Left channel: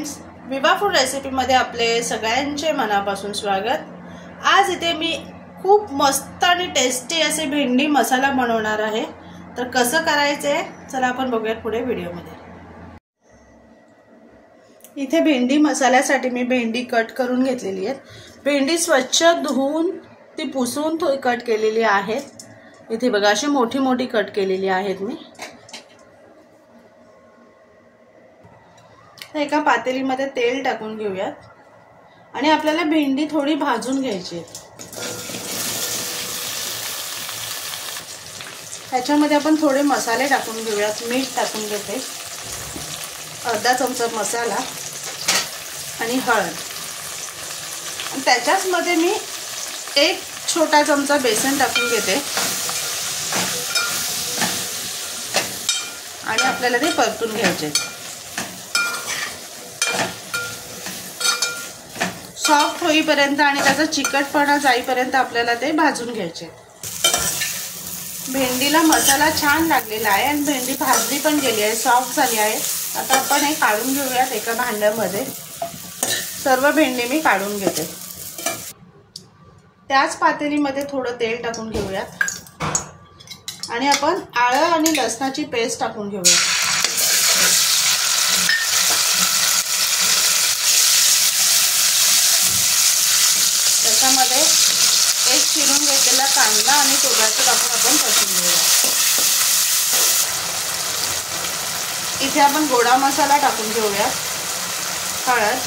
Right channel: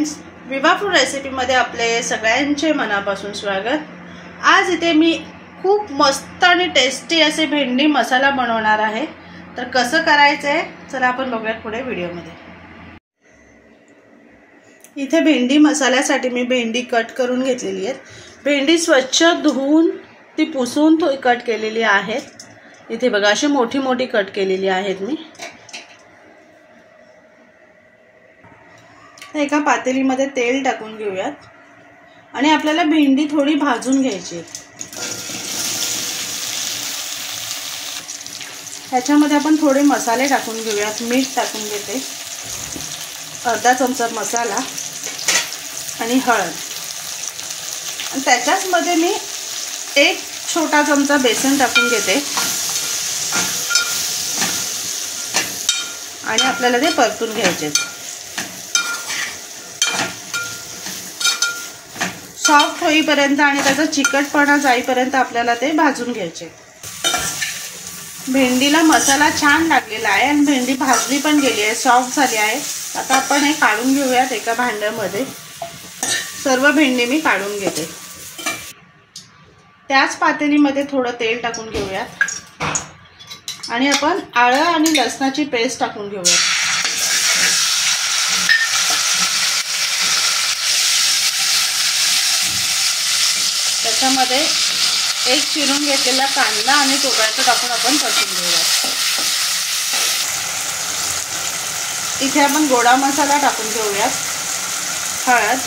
Friends, विवा food रेसिपीमध्ये आपले सगळ्यांचे मनापासून स्वागत। आज इथे मी खूप मस्त आणि टेस्टी असे भेंडी मसाला बनवणार आहे। तर कसं करायचंय चला आपण बघूया पुढे व्हिडिओमध्ये। इथे भेंडी मसाल्यासाठी मी भेंडी कट करून घेतलेली आहे। भेंडी स्वच्छ धुवून ती पुसून कट केलेली आहे। इथे बघा अशी मोठी मोठी कट केलेली आहेत मी। एका पातेलीमध्ये तेल टाकून घेऊयात आणि आपल्याला भेंडी थोडी भाजून घ्यायची आहे। ह्याच्यामध्ये आपण थोडे मसाले टाकून घेऊयात। मीठ टाकून घेते, अर्धा चमचा मसाला आणि हळद, आणि त्याच्याच मध्ये मी एक छोटा चमचा बेसन टाकून घेते आणि आपल्याला ते परतून घ्यायचे। सॉफ्ट होईपर्यंत आणि त्याचा चिकटपणा जाईपर्यंत आपल्याला ते भाजून घ्यायचे। भेंडीला मसाला छान लागलेला आहे आणि भेंडी भाजली पण गेली आहे, सॉफ्ट झाली आहे। आता आपण हे काढून घेऊयात एका भांड्यामध्ये। सर्व भेंडी मी काढून घेते। त्याच पातेलीमध्ये थोडं तेल टाकून घेऊयात आणि आपण आलं आणि लसणाची पेस्ट टाकून घेऊयात। त्याच्यामध्ये एक चिरून घेतलेला कांदा आणि टोमॅटो टाकून आपण परतून घेऊया। इथे आपण गोडा मसाला टाकून घेऊया, हळद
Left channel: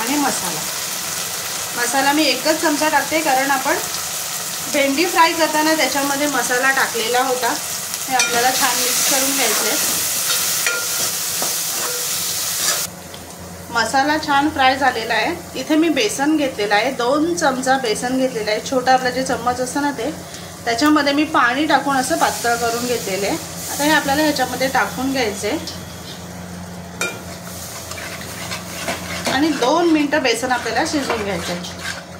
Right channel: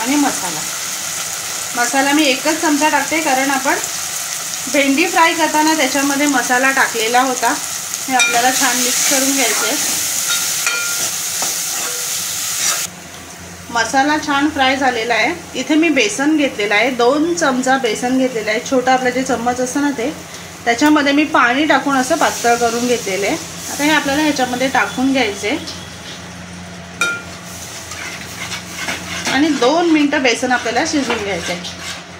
आणि मसाला मी एकच चमचा टाकते, कारण आपण भेंडी फ्राय करताना त्याच्यामध्ये मसाला टाकलेला होता। हे आपल्याला छान मिक्स करून घ्यायचे। मसाला छान फ्राय झालेला आहे। इथे मी बेसन घेतलेला आहे, 2 चमचा बेसन घेतलेला आहे। छोटा आपला जे चम्मच असतं ना ते, त्याच्यामध्ये मी पाणी टाकून असं पातळ करून घेतलेले। आता हे आपल्याला ह्याच्यामध्ये टाकून घ्यायचे आणि 2 मिनिटं बेसन आपल्याला शिजवून घ्यायचे।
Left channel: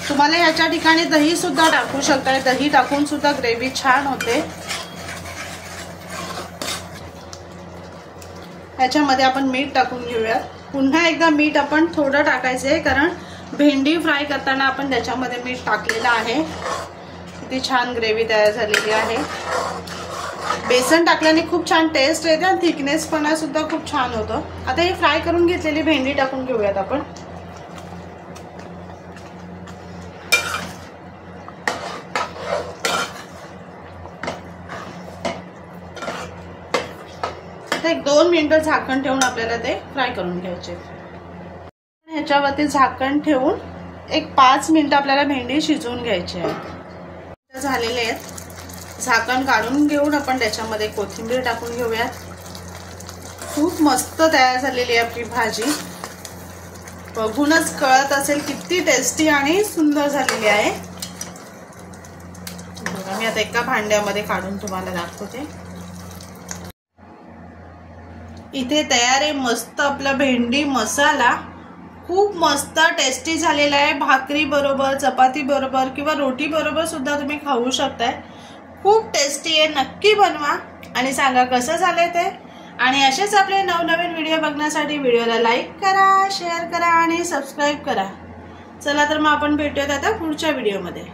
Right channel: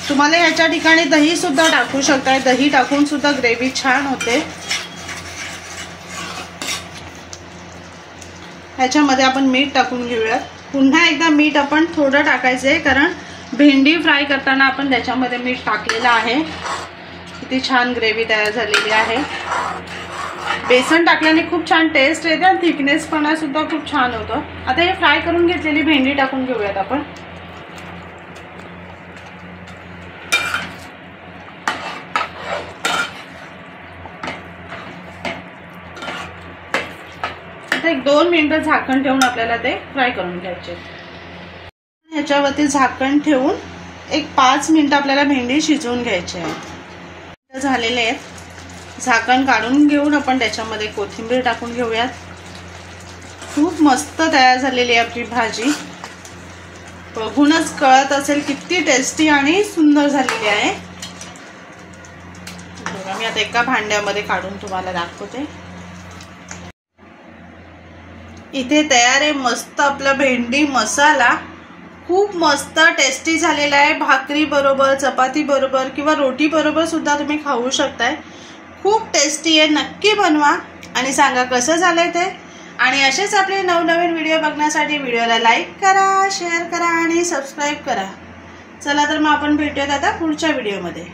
तुम्हाला याच्या ठिकाणी दही सुद्धा टाकू शकताय, दही टाकून सुद्धा ग्रेव्ही छान होते। ह्याच्यामध्ये आपण मीठ टाकून घेऊयात। पुन्हा एकदा मीठ आपण थोडं टाकायचं आहे, कारण भेंडी फ्राय करताना आपण त्याच्यामध्ये मीठ टाकलेलं आहे। किती छान ग्रेव्ही तयार झालेली आहे। बेसन टाकल्याने खूप छान टेस्ट येते आणि थिकनेसपणा सुद्धा खूप छान होतं। आता हे फ्राय करून घेतलेली भेंडी टाकून घेऊयात आपण। एक 2 मिनिटं झाकण ठेवून आपल्याला ते फ्राय करून घ्यायचे। ह्याच्यावरती झाकण ठेवून एक 5 मिनिटं आपल्याला भेंडी शिजवून घ्यायची आहे। झालेले आहेत। झाकण काढून घेऊन आपण त्याच्यामध्ये कोथिंबीर टाकून घेऊयात। खूप मस्त तयार झालेली आहे आपली भाजी। बघूनच कळत असेल किती टेस्टी आणि सुंदर झालेली आहे। बघा मी आता एका भांड्यामध्ये काढून तुम्हाला दाखवते। इथे तयार आहे मस्त आपला भेंडी मसाला। खूप मस्त टेस्टी झालेला आहे। भाकरी बरोबर, चपाती बरोबर किंवा रोटी बरोबर सुद्धा तुम्ही खाऊ शकताय। खूप टेस्टी आहे, नक्की बनवा आणि सांगा कसं झालंय ते। आणि असेच आपले नवनवीन व्हिडिओ बघण्यासाठी व्हिडिओला लाईक करा, शेअर करा आणि सबस्क्राईब करा। चला तर मग आपण भेटूयात आता पुढच्या व्हिडिओमध्ये।